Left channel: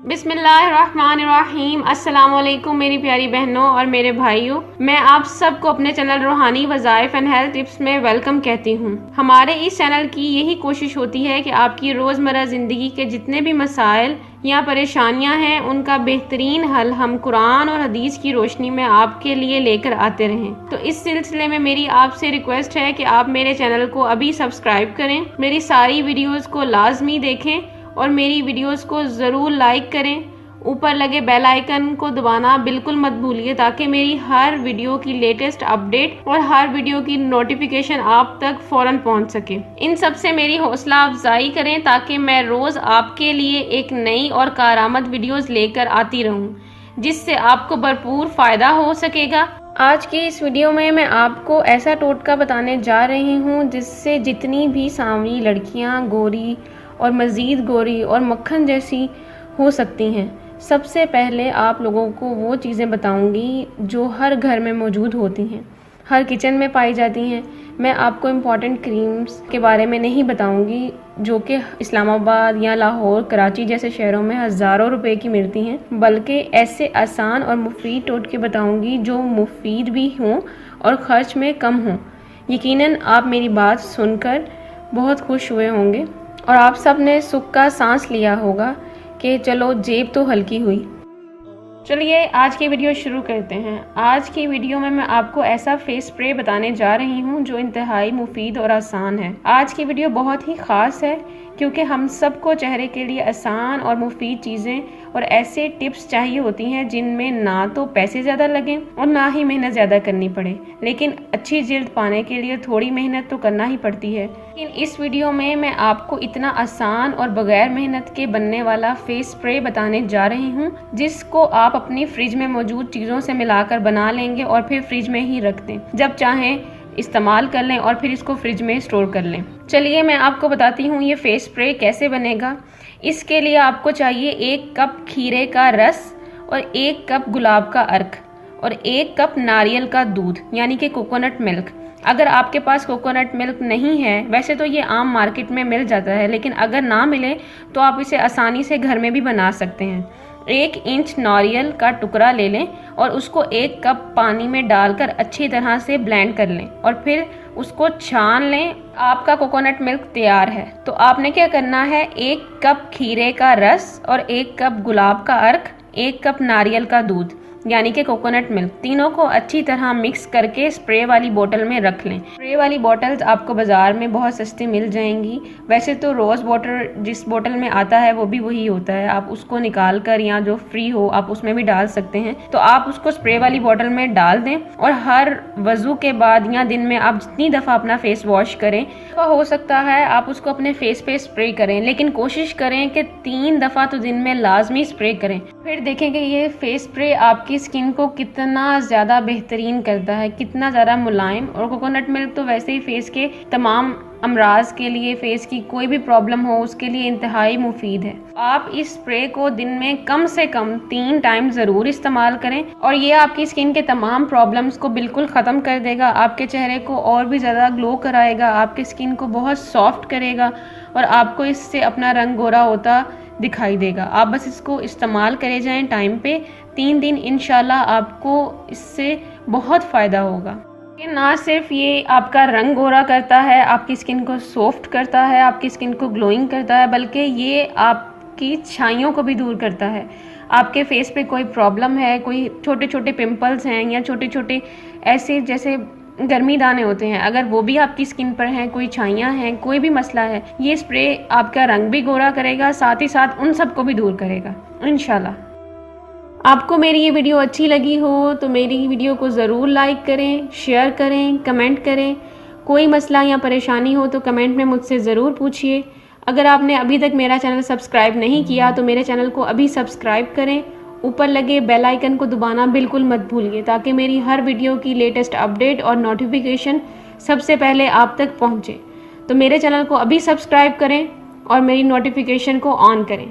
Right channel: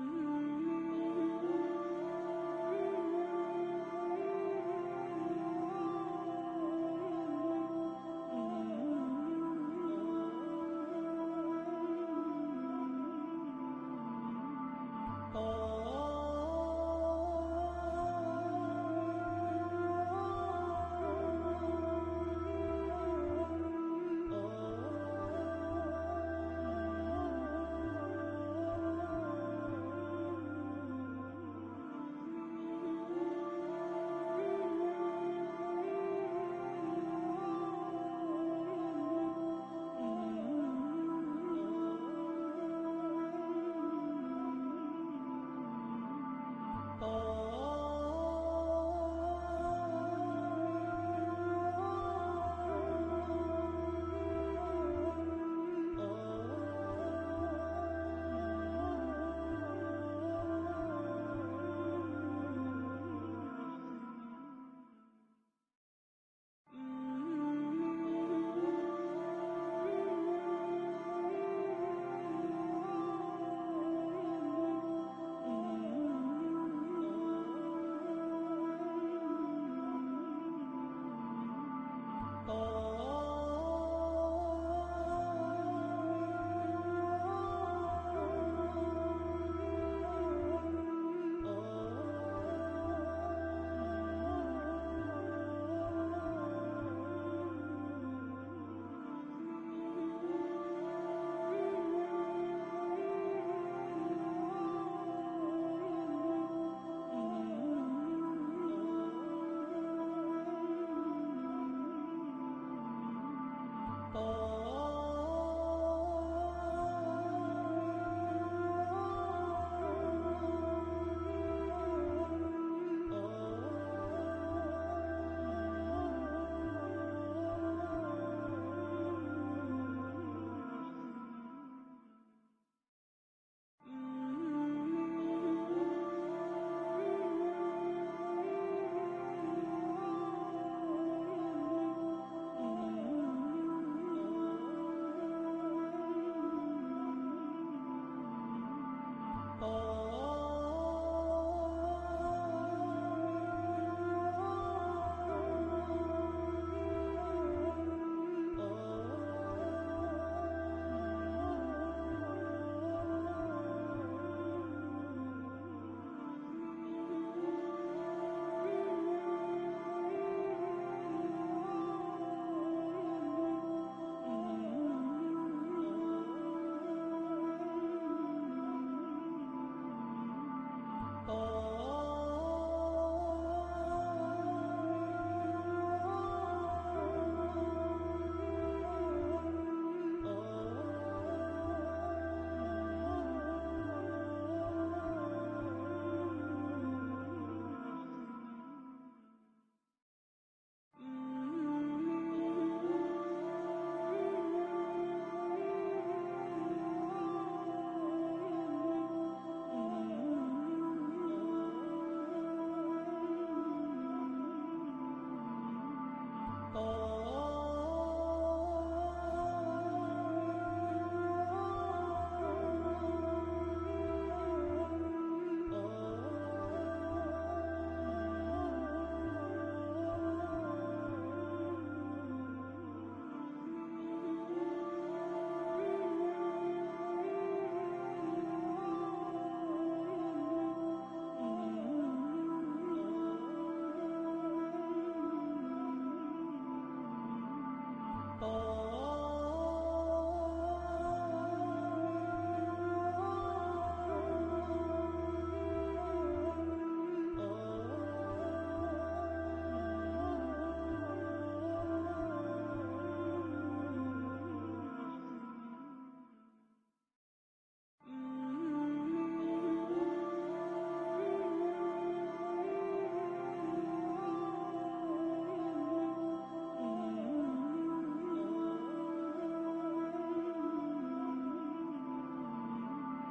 बिस्मिल्लाहिर्रहमानिर्रहीम। अस्सलाम वालेकुम मेरी प्यारी बहनों और मेरे भाइयों, मैं आप सबको अपने चैनल रूहानी वज़ाइफ एंड हेल्थ टिप्स में वेलकम कहती हूँ। हमारे इस चैनल की यही कोशिश होती है कि आपकी रोज़मर्रा ज़िंदगी के जितने भी मसाइल या परेशानियाँ हैं उनका बेहतरीन हल हम कुरान और हदीस की रोशनी में आपके लिए लेकर आते रहें। तो इस सिलसिले में मेरी आपसे रिक्वेस्ट है कि आप मेरे चैनल को अभी सब्सक्राइब करें, मेरी सारी वीडियोज़ को लाजमी देखें और मेरी वीडियोस को ज़रूर लाइक करें। ऊपर लगे बेल आइकन को दबाना बिल्कुल मत भूलिए ताकि मेरी हर वीडियो की लेटेस्ट अपडेट और हर वीडियो की नोटिफिकेशन आप तक फ़ौरन पहुंच सके। इन सब से मेरी हौसला अफजाई करें ताकि मैं रोज़ आपके लिए एक नई और कारआमद वीडियोस लेकर आती रहूं जिससे आपको भरपूर फ़ायदा हो सकेगा। आज की इस वीडियो में मैं आपको ऐसा टोटका बताने जा रही हूँ जिससे जितनी भी सांवली लड़कियाँ गोरी और मज़ीद गोरी और मक्खन जैसी हो सकती हैं। सबसे पहले आप लोगों को वो चीज़ें बताऊंगी जो हर घर में मौजूद होती हैं, हर किचन में पाई जाती हैं। मैं आपको इम्पॉर्टेंट क्रीम्स के बारे में नहीं बताऊंगी जो कि इस्लामाबाद या लाहौर, कराची जैसे शहरों में हज़ारों रुपए की मिलती हैं, बल्कि ऐसे आसान और मुफीद टोटके बताऊंगी जो मुफीद भी हों और ख़र्च में कम हों। यकीनन आप मेरी बात सुनकर बहुत खुश हुए होंगे और आप सब ने सुख का सांस लिया होगा कि चलो जेब तो हल्की हुई। चलिए आज की वीडियो शुरू करते हैं। आज की वीडियो में मैं आपको ऐसा फेस स्प्रे बताने जा रही हूं जो इंतहाई मुफीद और आसान है। आज की वीडियो बहुत ही ख़ास है क्योंकि हम सबको चेहरे के लिए आसान और मुफीद चीज़ें और ऐसे टिप्स चाहिए होती हैं जिनमें ना तो पैसे ज़्यादा लगें और ना ही मेहनत ज़्यादा करनी पड़े, लेकिन अच्छी जिल्द पाने के लिए थोड़ी मेहनत तो करना ही पड़ती है। लेकिन इस वीडियो में मैं आपको इतना आसान और बगैर मेहनत के बनने वाला फेस स्प्रे बताने जा रही हूँ जिसको आप अपनी फ्रिज में मौजूद चीज़ों से मिलाकर बना लेंगे और फिर फ्रिज में ही रख दें, जब चाहें इस्तेमाल कर लें और फिर इसको फ्रिज में स्टोर कर लें। चलिए मैं आपको बताती हूँ ये फेस स्प्रे कैसे बनेगा। इसके लिए आपको चाहिए 1 कप खीरे का रस और 1 कप गुलाब का अर्क और 1 कप नारियल का दूध यानी कि कोकोनट मिल्क। अगर आपके पास कोकोनट मिल्क नहीं है, वैसे तो ये आम मार्केट में मिल जाता है, लेकिन अगर ना मिले तो आप इसे आसानी से घर में भी बना सकते हैं। 1 इंच नारियल का टुकड़ा ले लें और उसको 1 कप पानी में डालकर अच्छी तरह से ब्लेंड कर लें और फिर उसको छान लें। आपका कोकोनट मिल्क तैयार है। तो आपने क्या करना है, 1 कप खीरे का रस और 1 कप गुलाब का अर्क, 1 कप नारियल का दूध यानी कि कोकोनट मिल्क, तीनों को अच्छी तरह मिक्स करके स्प्रे वाली बोतल में रख लें। स्प्रे वाली बोतल्स आपको बाज़ार में बहुत सस्ती मिल जाएंगी। वैसे तो रोज़ वाटर जिस बोतल में आता है वो भी वही होता है, आप उसको निकाल कर या जो फ्री हो आप उसमें भी डाल सकते हैं। तो आप उसको स्प्रे वाली बोतल में डाल दें और हर वज़ू के बाद या दिन में आप जितनी दफ़ा अपना फेस वॉश करें, तो हो सकता है आप उसको अपने फेस पे स्प्रे करें, लेकिन कोशिश करें कि 3 दफ़ा तो दिन में लाजमी स्प्रे करें। फिर देखेंगे ये फेस स्प्रे आपकी स्किन को कितना ज़्यादा बेहतरीन करता है, कितना ज़्यादा मुलायम। और कोकोनट मिल्क तो वैसे ही फेस के तमाम अमराज के लिए, फेस की कोई भी प्रॉब्लम हो उसके लिए इंतहाई मुफीद है। आप इस स्प्रे को दिन में कम से कम 3 टाइम ज़रूर इस्तेमाल करें और ये आपकी स्किन के तमाम प्रॉब्लम्स को बिल्कुल ख़त्म कर देगा, आपके चेहरे को और भी ज़्यादा ग्लो कराएगा, आपके स्किन को बहुत सॉफ्ट करेगा और आपको इससे अपना रंग गोरा होता दिखाई देगा। आप बस इसको इस्तेमाल करे जाएं टाइम पे। 3 दिन इंशाल्लाह आपको इससे बहुत फ़ायदा होगा। ये ना सिर्फ ये आपका रंग गोरा करता है, आपकी स्किन को सॉफ्ट करता है, आपकी स्किन को ग्लोइंग करता है, बल्कि ये आपकी छाइयों को भी दूर करता है। आपके फेस पे कोई प्रॉब्लम है, कोई छोटे छोटे पिंपल्स हैं या छोटे छोटे ऐसे जैसे गर्मी दाने होते हैं, अगर वो भी आपकी स्किन पर हैं, कोई छाइयाँ हैं, कोई भी मसला है, ये स्प्रे आपका रंग भी गोरा करेगा, साथ ही साथ उन सबको भी दूर करेगा इंशाल्लाह। आपको मेरी ये वीडियो अच्छी लगी हो तो मेरी वीडियो को ज़रूर लाइक करें, शेयर करें, कमेंट करें। कोई मसला या परेशानी हो तो कमेंट में मुझसे ज़रूर पूछिए। अगर आपने अभी तक मेरा चैनल सब्सक्राइब नहीं किया तो मेरे चैनल को अभी सब्सक्राइब करें। ऊपर लगे बेल आइकन को दबाना बिल्कुल मत भूलिए ताकि मेरी हर वीडियो की लेटेस्ट अपडेट और नोटिफिकेशन सबसे पहले आप तक पहुँचे। तो मेरे चैनल को अभी सब्सक्राइब करें और मेरी नोटिफिकेशन को ऑन करें।